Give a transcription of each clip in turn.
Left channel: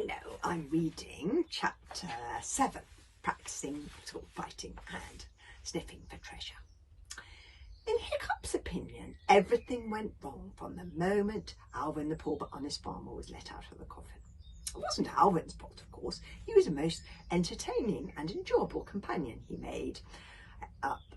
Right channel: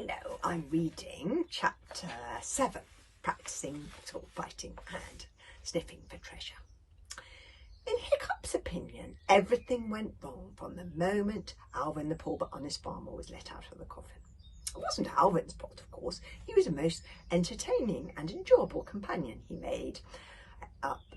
Hello, I'm reading chapter 7, practicing sword fighting and sniffing for treasure. In Hiccup's opinion, everything went wrong from the moment Alvin the poor but honest farmer was let out of the coffin. It wasn't Alvin's fault, of course. He was a most entertaining and enjoyable companion. He made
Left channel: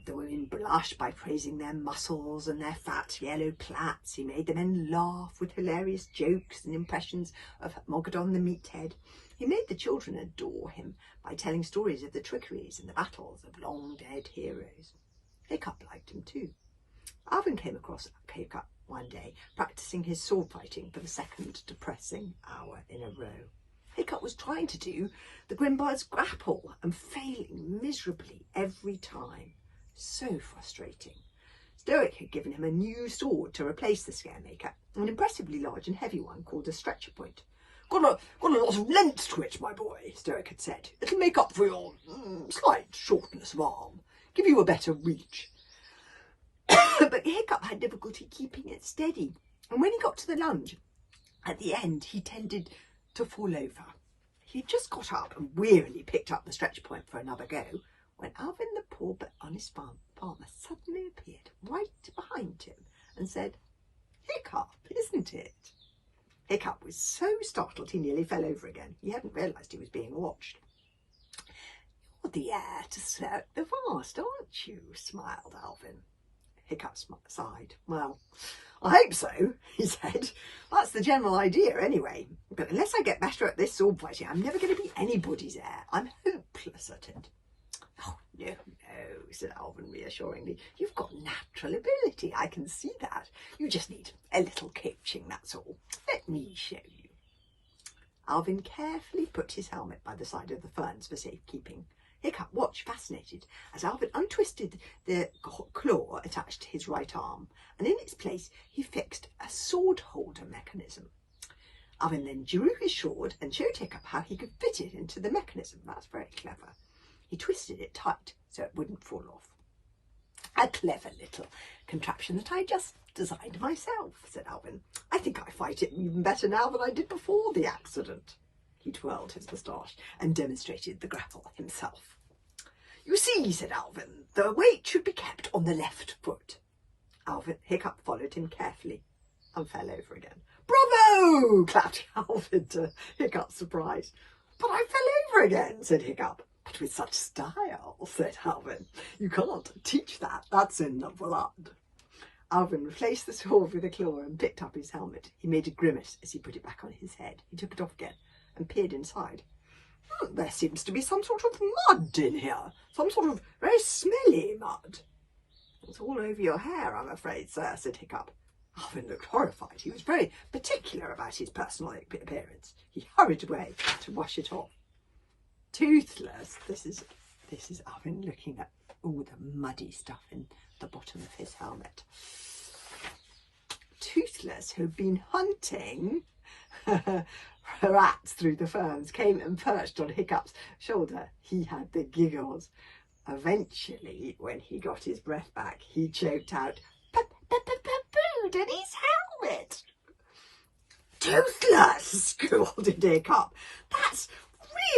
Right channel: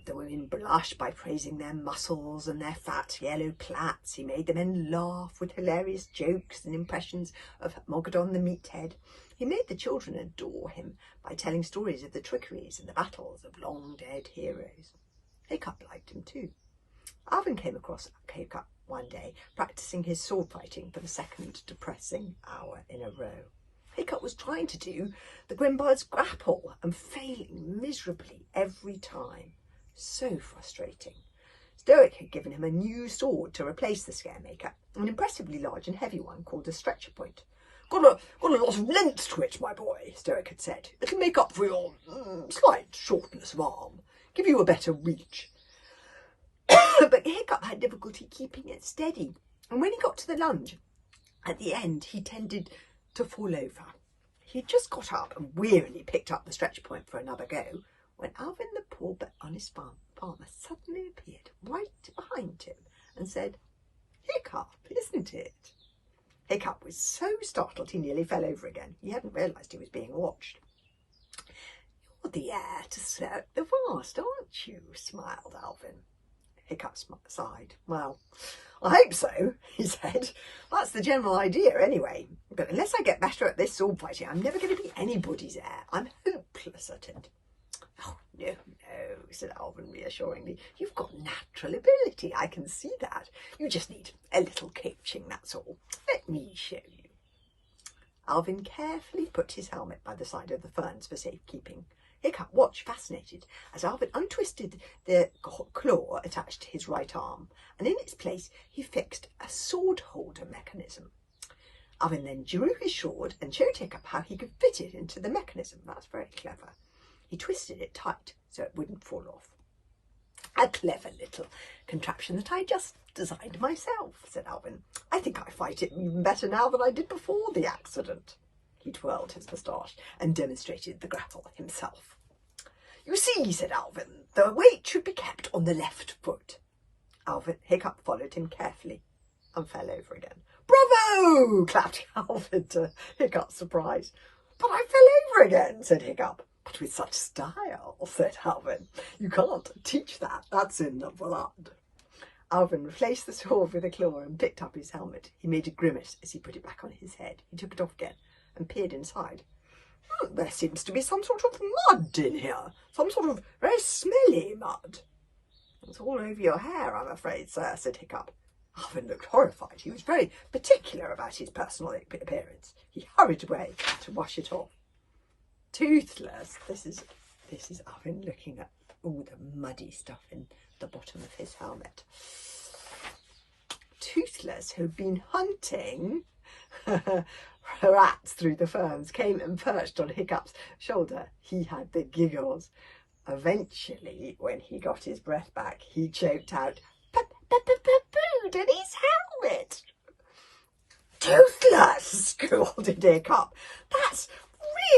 the women blush by praising their muscles and their fat yellow plaits. He made the men laugh with hilarious jokes and impressions of Mogadon the meathead. He made the children adore him by telling stories of the trickeries and the battles of long-dead heroes. Hiccup liked him too. Alvin came across Hiccup one day, practicing his sword fighting for the second depressing hour in a row. Hiccup was trying to do the Grimbards grapple and failing miserably every time. So frustrating. Stoic had given him a new sword to replace the Scaremaker, an impressively large and heavy one called a stretcher point. Got a lot of length to it, my boy, Stoic had said. It'll make up for your slight shortness of arm, give you a better reach. But Hiccup had difficulty keeping it steady, and when he got to the lunge, at the end he tended to fall over. He had just got up and wearily picked up the stretcher point for another go, when Alvin the poor but honest farmer suddenly appeared right behind him and said, "Hiccup, isn't it?" Hiccup was so startled he nearly fell over again. He hadn't realised he was being watched. "You're the heir to Cirque the Vast, aren't you?" smiled Alvin. Hiccup sighed. "Well, I hope so," he said. "That's the general idea anyway. But unless I get better at this sword fighting, I'm never going to be anybody's heir. I'm hopeless at it." "Oh, no, said Alvin reassuringly. "You've got natural ability, I can see that. You just need a little coaching, that's all. Let me show you." Alvin carefully put his helmet by the side of the ferns for safekeeping. Hiccup watched fascinated as Alvin untwisted the claw attached to his right arm, and in its place he fixed a sword holder mechanism. Alvin then drew his sword and showed Hiccup how he could fit it into the mechanism. That's very clever. He twisted it tight so it wouldn't fall off. "A clever little contraption that I just designed myself," said Alvin. "I think I fight it even better now than I did before the accident." He twirled his moustache and demonstrated the grapple himself. "You see," said Alvin, "the weight should be kept on the left foot." Hiccup followed him carefully and fell over again. "Bravo!" clapped Alvin to Hiccup's surprise. "But I fell over again," said Hiccup. "But with such style," said Alvin. "You can't teach that. That's in the blood." Alvin replaced the sword with a claw and picked up his helmet. He made a grimace as he put it back on his head. He took it off again and peered inside. "There seems to be some sort of mud in here. Some sort of very smelly mud." "It's all over your hair, I'm afraid, sir," said Hiccup. Alvin looked horrified. He was very particular about his personal appearance. He hurried away to wash it off. Toothless, this is Alvin looking at all the muddy stuff in the bottom of his helmet. Toothless, who'd been hunting rats through the ferns, came and perched on Hiccup's shoulder. He had the giggles. Eventually, when he got his breath back, he choked out, "Pooed in his helmet." "Toothless!" scolded Hiccup. "That's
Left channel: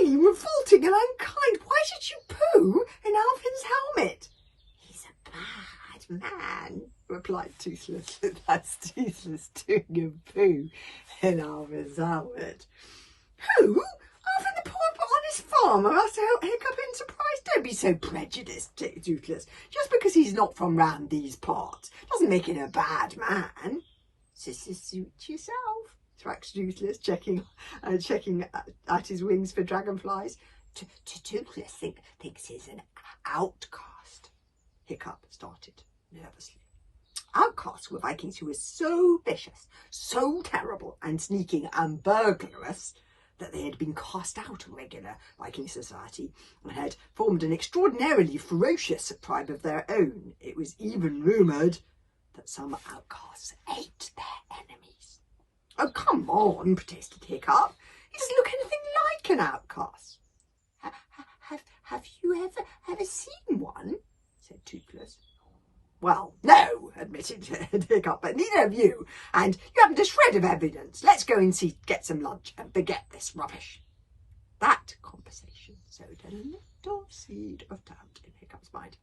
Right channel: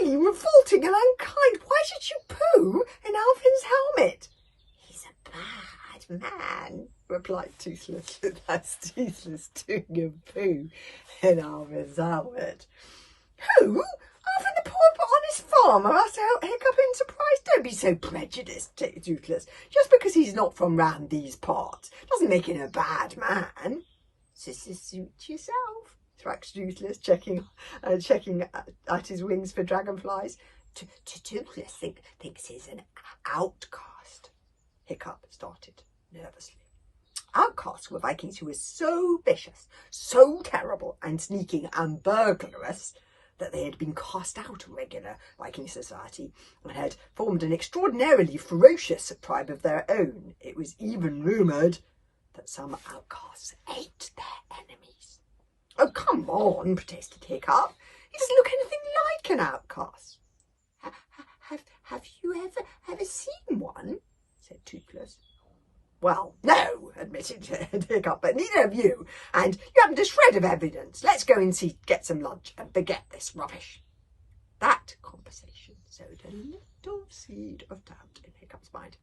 really revolting and unkind. Why should you poo in Alvin's helmet?" "He's a bad man," replied Toothless. "That's Toothless doing a poo in Alvin's helmet." "Who? Alvin the poor but honest farmer?" asked Hiccup in surprise. "Don't be so prejudiced, Toothless. Just because he's not from round these parts doesn't make him a bad man." "Suit yourself," thracked Toothless, checking at his wings for dragonflies. Toothless thinks he's an outcast," Hiccup started nervously. Outcasts were Vikings who were so vicious, so terrible and sneaking and burglarious that they had been cast out of regular Viking society and had formed an extraordinarily ferocious tribe of their own. It was even rumoured that some outcasts ate their enemies. "Oh, come on," protested Hiccup. "He doesn't look anything like an outcast." Have you ever seen one?" said Toothless. Well, no, admitted Hiccup, but neither of you, and you haven't a shred of evidence. Let's go and get some lunch and forget this rubbish. That conversation sowed a little seed of doubt in Hiccup's mind.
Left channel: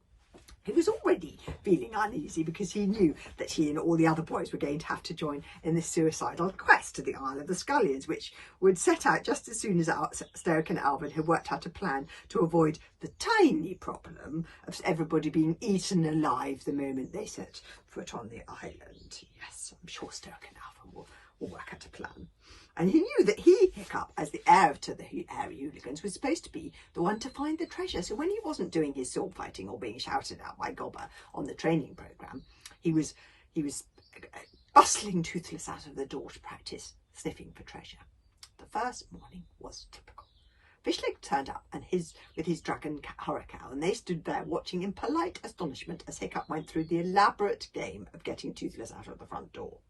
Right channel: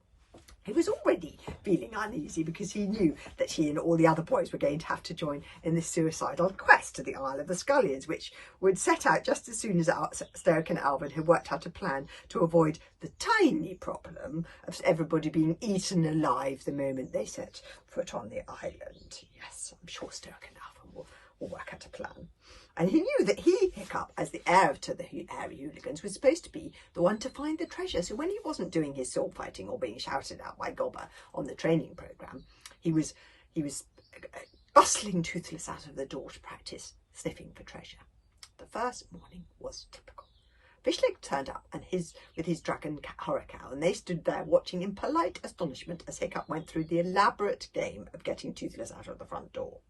He was already feeling uneasy because he knew that he and all the other boys were going to have to join in this suicidal quest to the Isle of the Scullions, which would set out just as soon as Stoic and Alvin had worked out a plan to avoid the tiny problem of everybody being eaten alive the moment they set foot on the island. Yes, I'm sure Stoic and Alvin will work out a plan. And he knew that he, Hiccup, as the heir to the Hairy Hooligans, was supposed to be the one to find the treasure. So when he wasn't doing his sword fighting or being shouted at by Gobber on the training programme, he was bustling Toothless out of the door to practice sniffing for treasure. The first morning was typical. Fishleg turned up with his dragon hurricane, and they stood there watching in polite astonishment as Hiccup went through the elaborate game of getting Toothless out of the front door.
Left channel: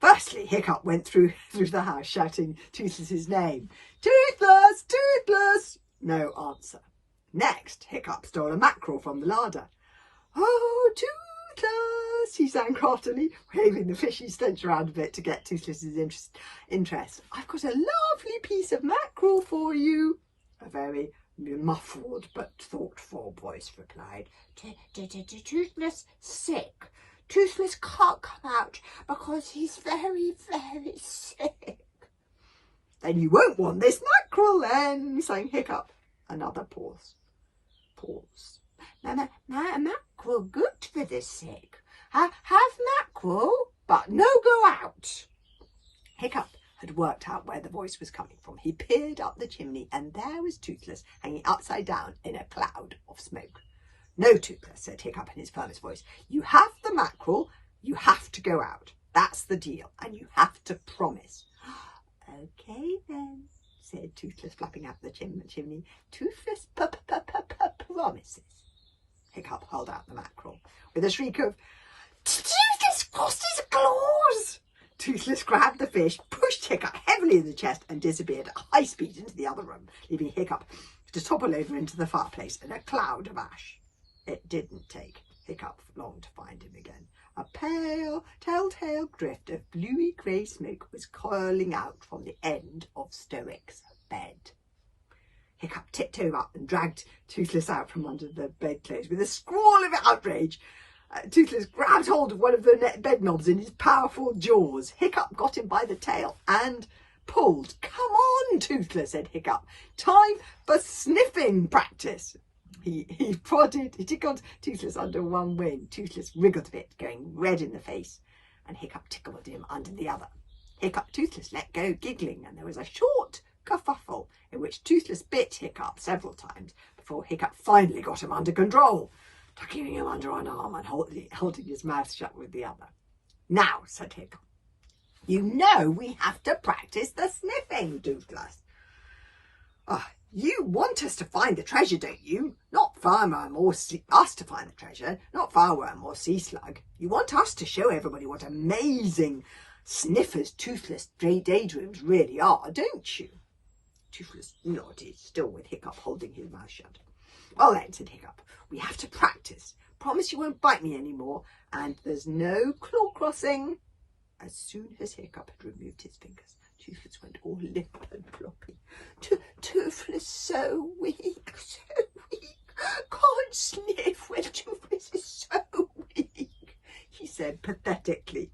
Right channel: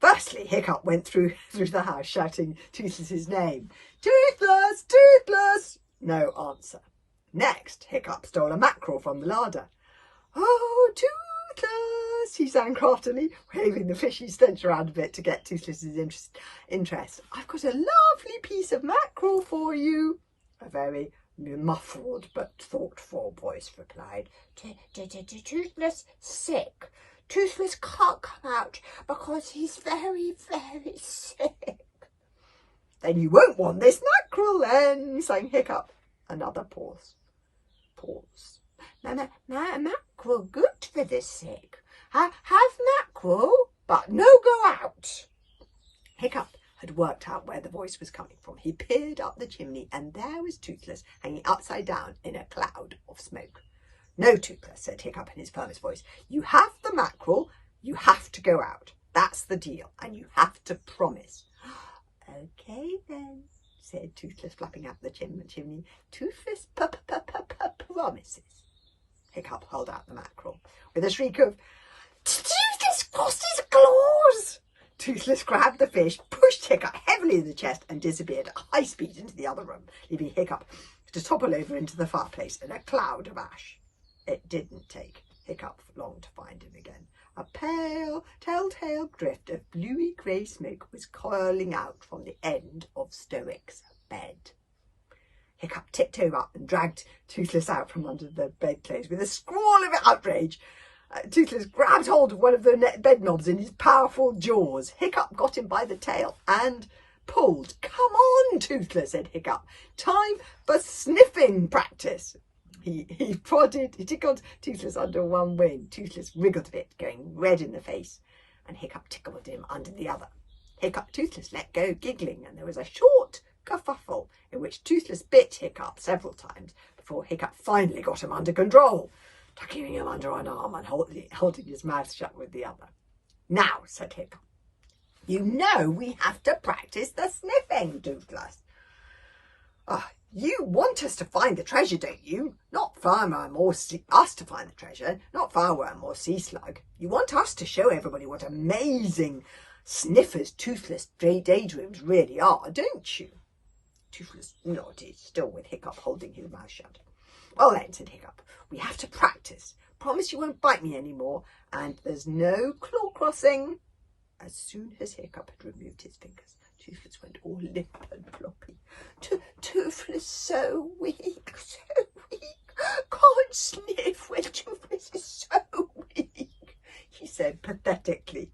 Firstly, Hiccup went through the house shouting Toothless's name. Toothless! Toothless! No answer. Next, Hiccup stole a mackerel from the larder. Oh, Toothless! He sang craftily, waving the fishy stench around a bit to get Toothless's interest. I've got a lovely piece of mackerel for you. A very muffled but thoughtful voice replied. Toothless sick. Toothless can't come out because he's very, very sick. Then you won't want this mackerel then, sang Hiccup. Another pause. Mackerel good for the sick. Have mackerel, but no go out. Hiccup had worked out where the voice was coming from. He peered up the chimney and there was Toothless hanging upside down in a cloud of smoke. No, Toothless, said Hiccup in his firmest voice. You have the mackerel, you have to go out. That's the deal, and you have to promise. Okay then, said Toothless, flapping out the chimney. Toothless promises. Hiccup held out the mackerel. With a shriek of, Toothless crossed his claws! Toothless grabbed the fish, pushed Hiccup heavily in the chest, and disappeared at high speed into the other room, leaving Hiccup to topple over into the fireplace in a cloud of ash. It didn't take Hiccup long to find him again. A pale, telltale drift of bluey-grey smoke was coiling out from the end of Stoic's bed. Hiccup tiptoed up and dragged Toothless out from under the bedclothes. With a squall of outrage, Toothless grabbed hold of one of the bed knobs in his powerful jaws. Hiccup got him by the tail and pulled. Come on, Toothless, said Hiccup. Time for sniffing practice. He tickled Toothless under one wing. Toothless wriggled a bit, going red in the face, and Hiccup tickled him under the other. Toothless let go, giggling, and there was a short kerfuffle in which Toothless bit Hiccup several times before Hiccup finally got him under control, tucking him under one arm and holding his mouth shut with the other. Now, said Hiccup, you know we have to practice the sniffing, Toothless. You want us to find the treasure, don't you? Not fireworm or us to find the treasure, not fireworm or sea slug. You want us to show everybody what amazing sniffers Toothless daydreams really are, don't you? Toothless nodded, still with Hiccup holding his mouth shut. Well then, said Hiccup, we have to practice. Promise you won't bite me anymore, and there's no claw crossing. As soon as Hiccup had removed his fingers, Toothless went all limp and floppy. Toothless so weak, can't sniff when Toothless is so weak, he said pathetically.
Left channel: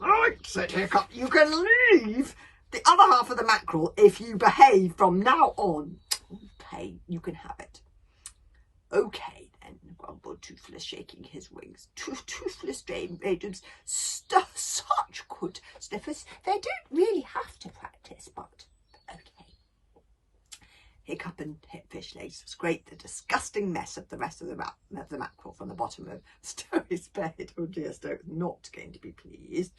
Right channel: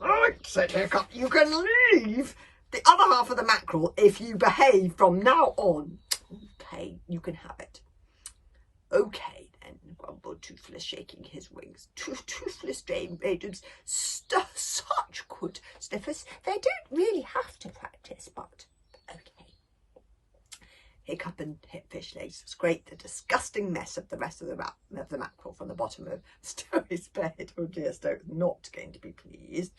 Right, said Hiccup, you can leave the other half of the mackerel if you behave from now on. Okay, you can have it. Okay then, grumbled Toothless, shaking his wings. Toothless daydreams, such good sniffers. They don't really have to practice, but okay. Hiccup and Fishlegs scraped the disgusting mess of the rest of the mackerel from the bottom of Stoic's bed. Oh dear, Stoic not going to be pleased.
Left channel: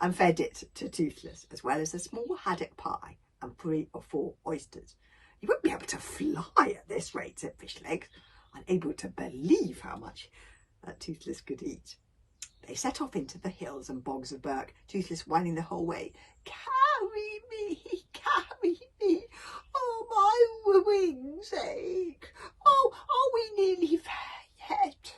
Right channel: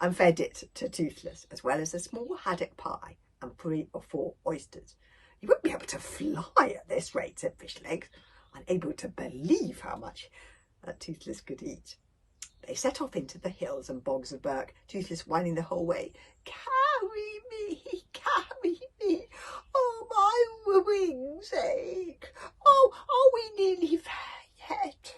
And fed it to Toothless, as well as a small haddock pie and 3 or 4 oysters. You won't be able to fly at this rate, said Fishlegs, unable to believe how much Toothless could eat. They set off into the hills and bogs of Burke, Toothless whining the whole way. Carry me, oh my wings ache, oh, are we nearly there yet?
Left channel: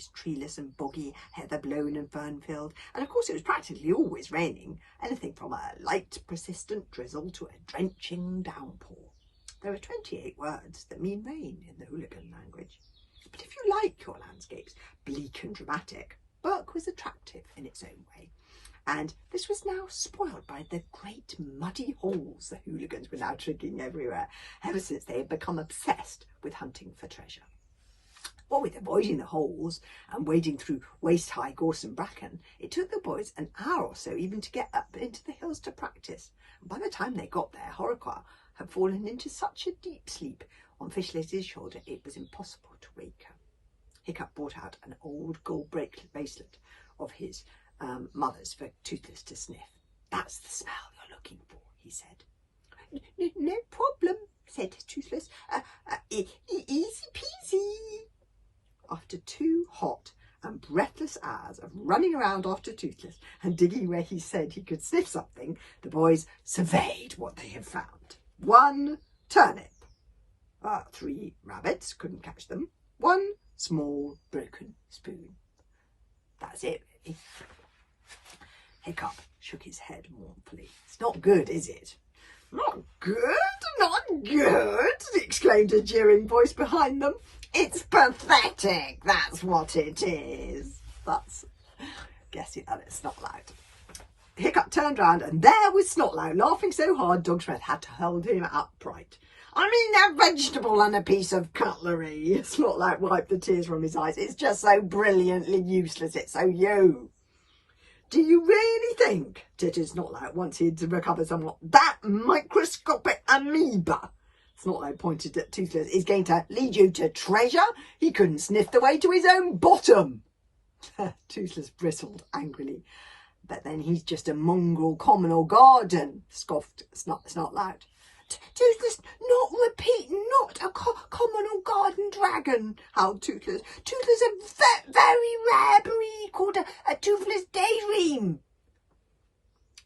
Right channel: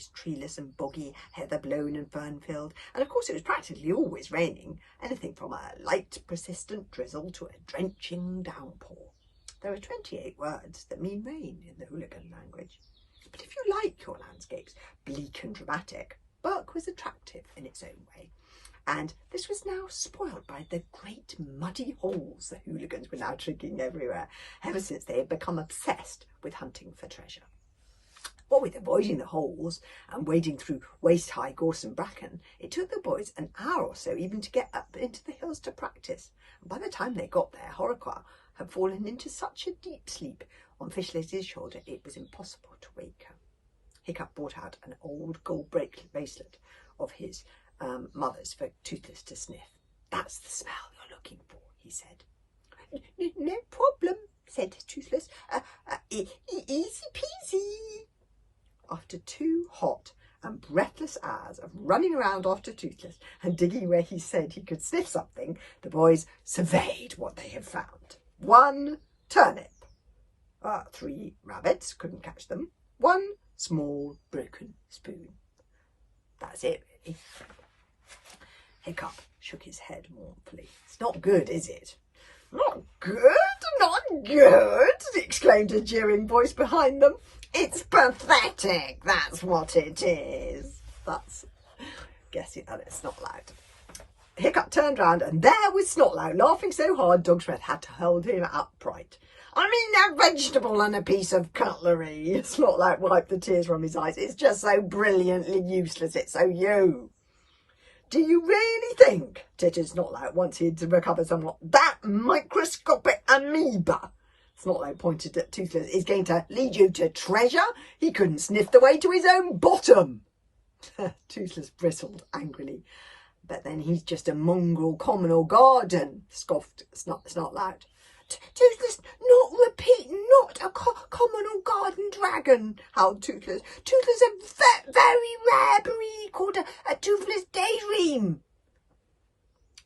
always treeless and boggy, heather blown and fern filled, and of course it was practically always raining, anything from a light persistent drizzle to a drenching downpour. There are 28 words that mean rain in the hooligan language. But if you like your landscapes bleak and dramatic, Berk was attractive in its own way. And this was now spoiled by the great muddy holes the hooligans were now digging everywhere, ever since they had become obsessed with hunting for treasure. What with avoiding the holes and wading through waist-high gorse and bracken, it took the boys an hour or so even to get up into the hills to practice. And by the time they got there, Horrocks had fallen into such a deep sleep on Fishley's shoulder it was impossible to wake her. Hiccup brought out an old gold bracelet of his mother's for Toothless to sniff. "That's the smell you're looking for," he said. "No problem," said Toothless. Easy peasy." After 2 hot and breathless hours of running around after Toothless and digging where he said he could sniff something, the boys surveyed what they had found. 1 turnip. 3 rabbits, couldn't catch them. 1 small broken spoon. That's it, really. Hiccup shook his head mournfully. "It's not good, is it?" "Not good, not good," exclaimed a jeering voice behind them. "It's pathetic, that's what it is." That's guessing that it's Snotlout. Hiccup turned round and there was Snotlout, laughing so hard Dog's breath had to hold him upright. "I mean, a vegetable and a piece of cutlery." Snotlout wiped the tears from his eyes. "It's just so brilliantly useless, it's so you." "Do you really think," tittered Snotlout once he'd recovered somewhat, "that microscopic amoeba," Snotlout pointed at Toothless, "is going to lead you to treasure? He couldn't sniff the way to his own bottom." Toothless bristled angrily. "But then he's just a mongrel communal garden," scoffed Snotlout. "Toothless, not repeat, not a communal garden dragon," howled Toothless. "Toothless a very rare breed called a Toothless daydream."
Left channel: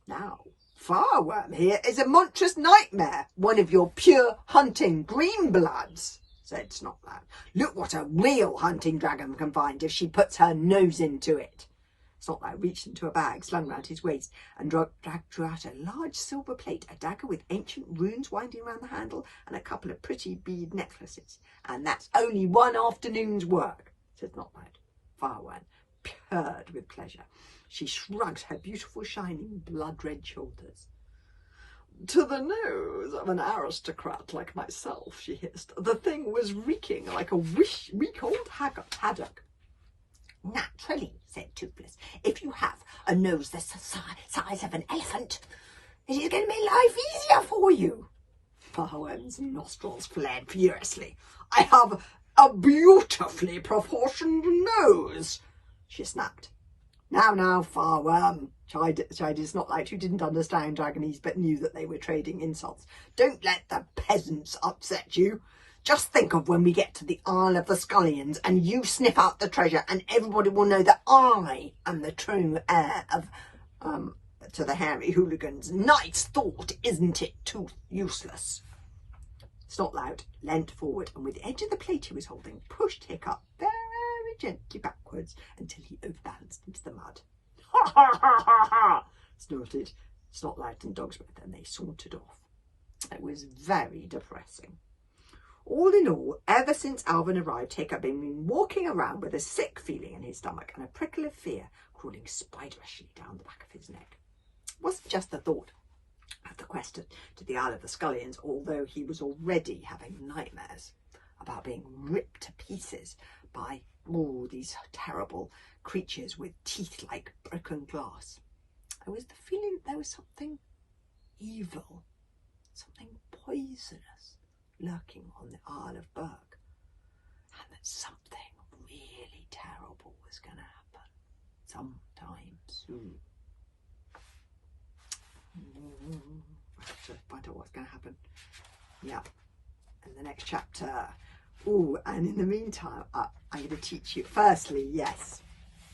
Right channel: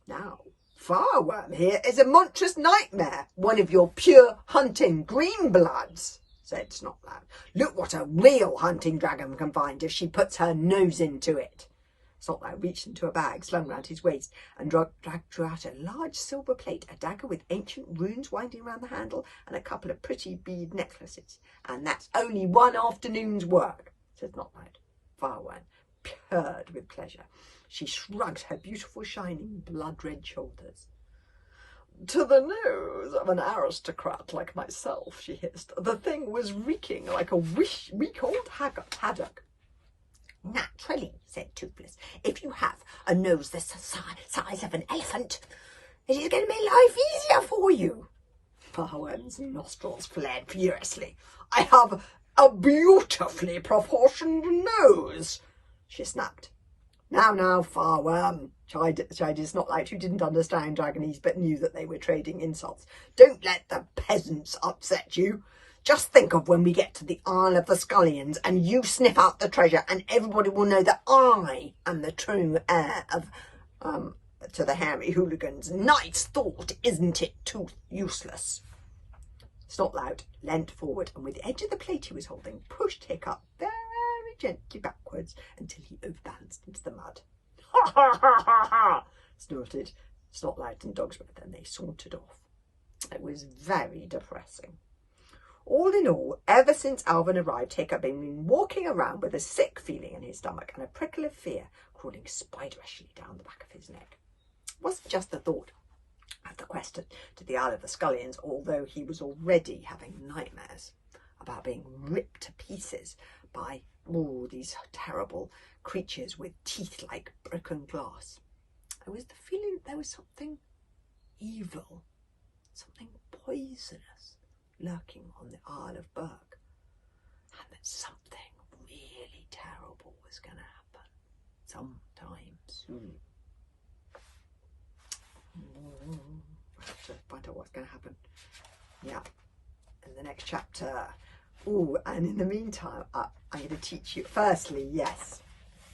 "Now, Fireworm here is a monstrous nightmare, one of your pure hunting greenbloods," said Snotlout. "Look what a real hunting dragon can find if she puts her nose into it." Snotlout reached into a bag slung round his waist and drew out a large silver plate, a dagger with ancient runes winding around the handle, and a couple of pretty bead necklaces. "And that's only 1 afternoon's work," said Snotlout. Fireworm purred with pleasure. She shrugged her beautiful, shining, blood-red shoulders. "To the nose of an aristocrat like myself," she hissed, "the thing was reeking like a week-old haddock." "Naturally," said Toothless. "If you have a nose the size of an elephant, it is going to make life easier for you." Fireworm's nostrils flared furiously. "I have a beautifully proportioned nose," she snapped. Now, Fireworm," chided Snotlout, who didn't understand dragonese but knew that they were trading insults. "Don't let the peasants upset you. Just think of when we get to the Isle of the Scullions and you sniff out the treasure and everybody will know that I am the true heir of, to the hairy hooligans. Nice thought, isn't it, too useless?" Snotlout leant forward and with the edge of the plate he was holding pushed Hiccup very gently backwards until he overbalanced into the mud. "Ha ha ha ha ha!" snorted Snotlout and Dog's breath, and they sauntered off. It was very depressing. All in all, ever since Alvin arrived, Hiccup had been walking around with a sick feeling in his stomach and a prickle of fear crawling spiderishly down the back of his neck. It wasn't just the thought of the quest to the Isle of the Scullions, although he was already having nightmares about being ripped to pieces by these terrible creatures with teeth like broken glass. There was the feeling that there was something evil, something poisonous lurking on the Isle of Berk, and that something really terrible was going to happen sometime soon. I have to find out what's going to happen. Yeah, in the next chapter. And in the meantime, I'm going to teach you. Firstly, yes,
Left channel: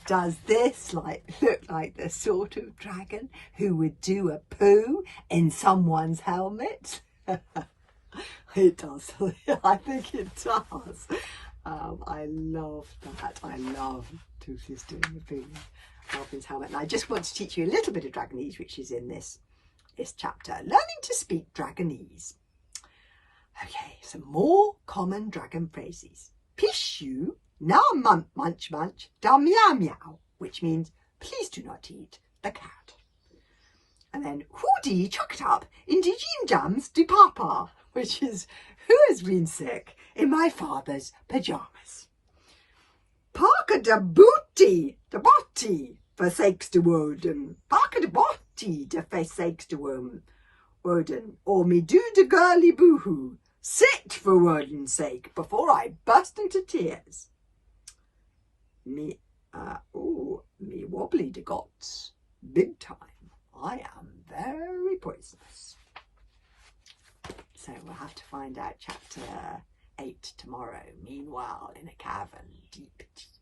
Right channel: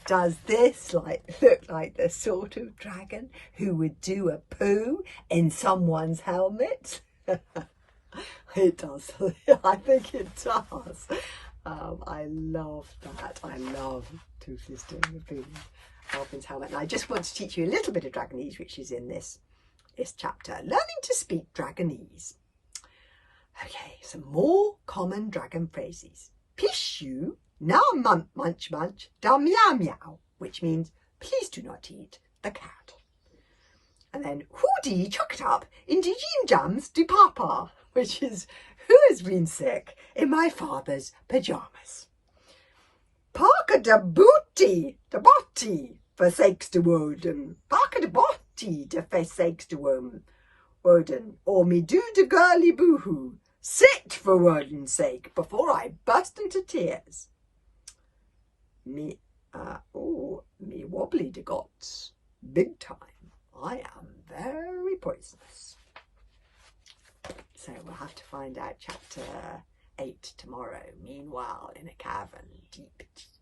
does this look like the sort of dragon who would do a poo in someone's helmet? It does. I think it does. I love that. I love Toothless doing Alvin's helmet. And I just want to teach you a little bit of dragonese, which is in this chapter. Learning to speak dragonese. Okay, some more common dragon phrases. Pishu, na munch munch, da meow meow, which means please do not eat the cat. And then hoodie chuck it up into jim jams de papa, which is who has been sick in my father's pyjamas. Parker de booty, de botty, for sakes to Woden. Parker de botty, de for sakes to Woden. Or me do de girly boohoo. Sit for Woden's sake before I burst into tears. Me wobbly de gots, big time. I am very poisonous. So we'll have to find out chapter 8 tomorrow. Meanwhile, in a cavern deep, deep.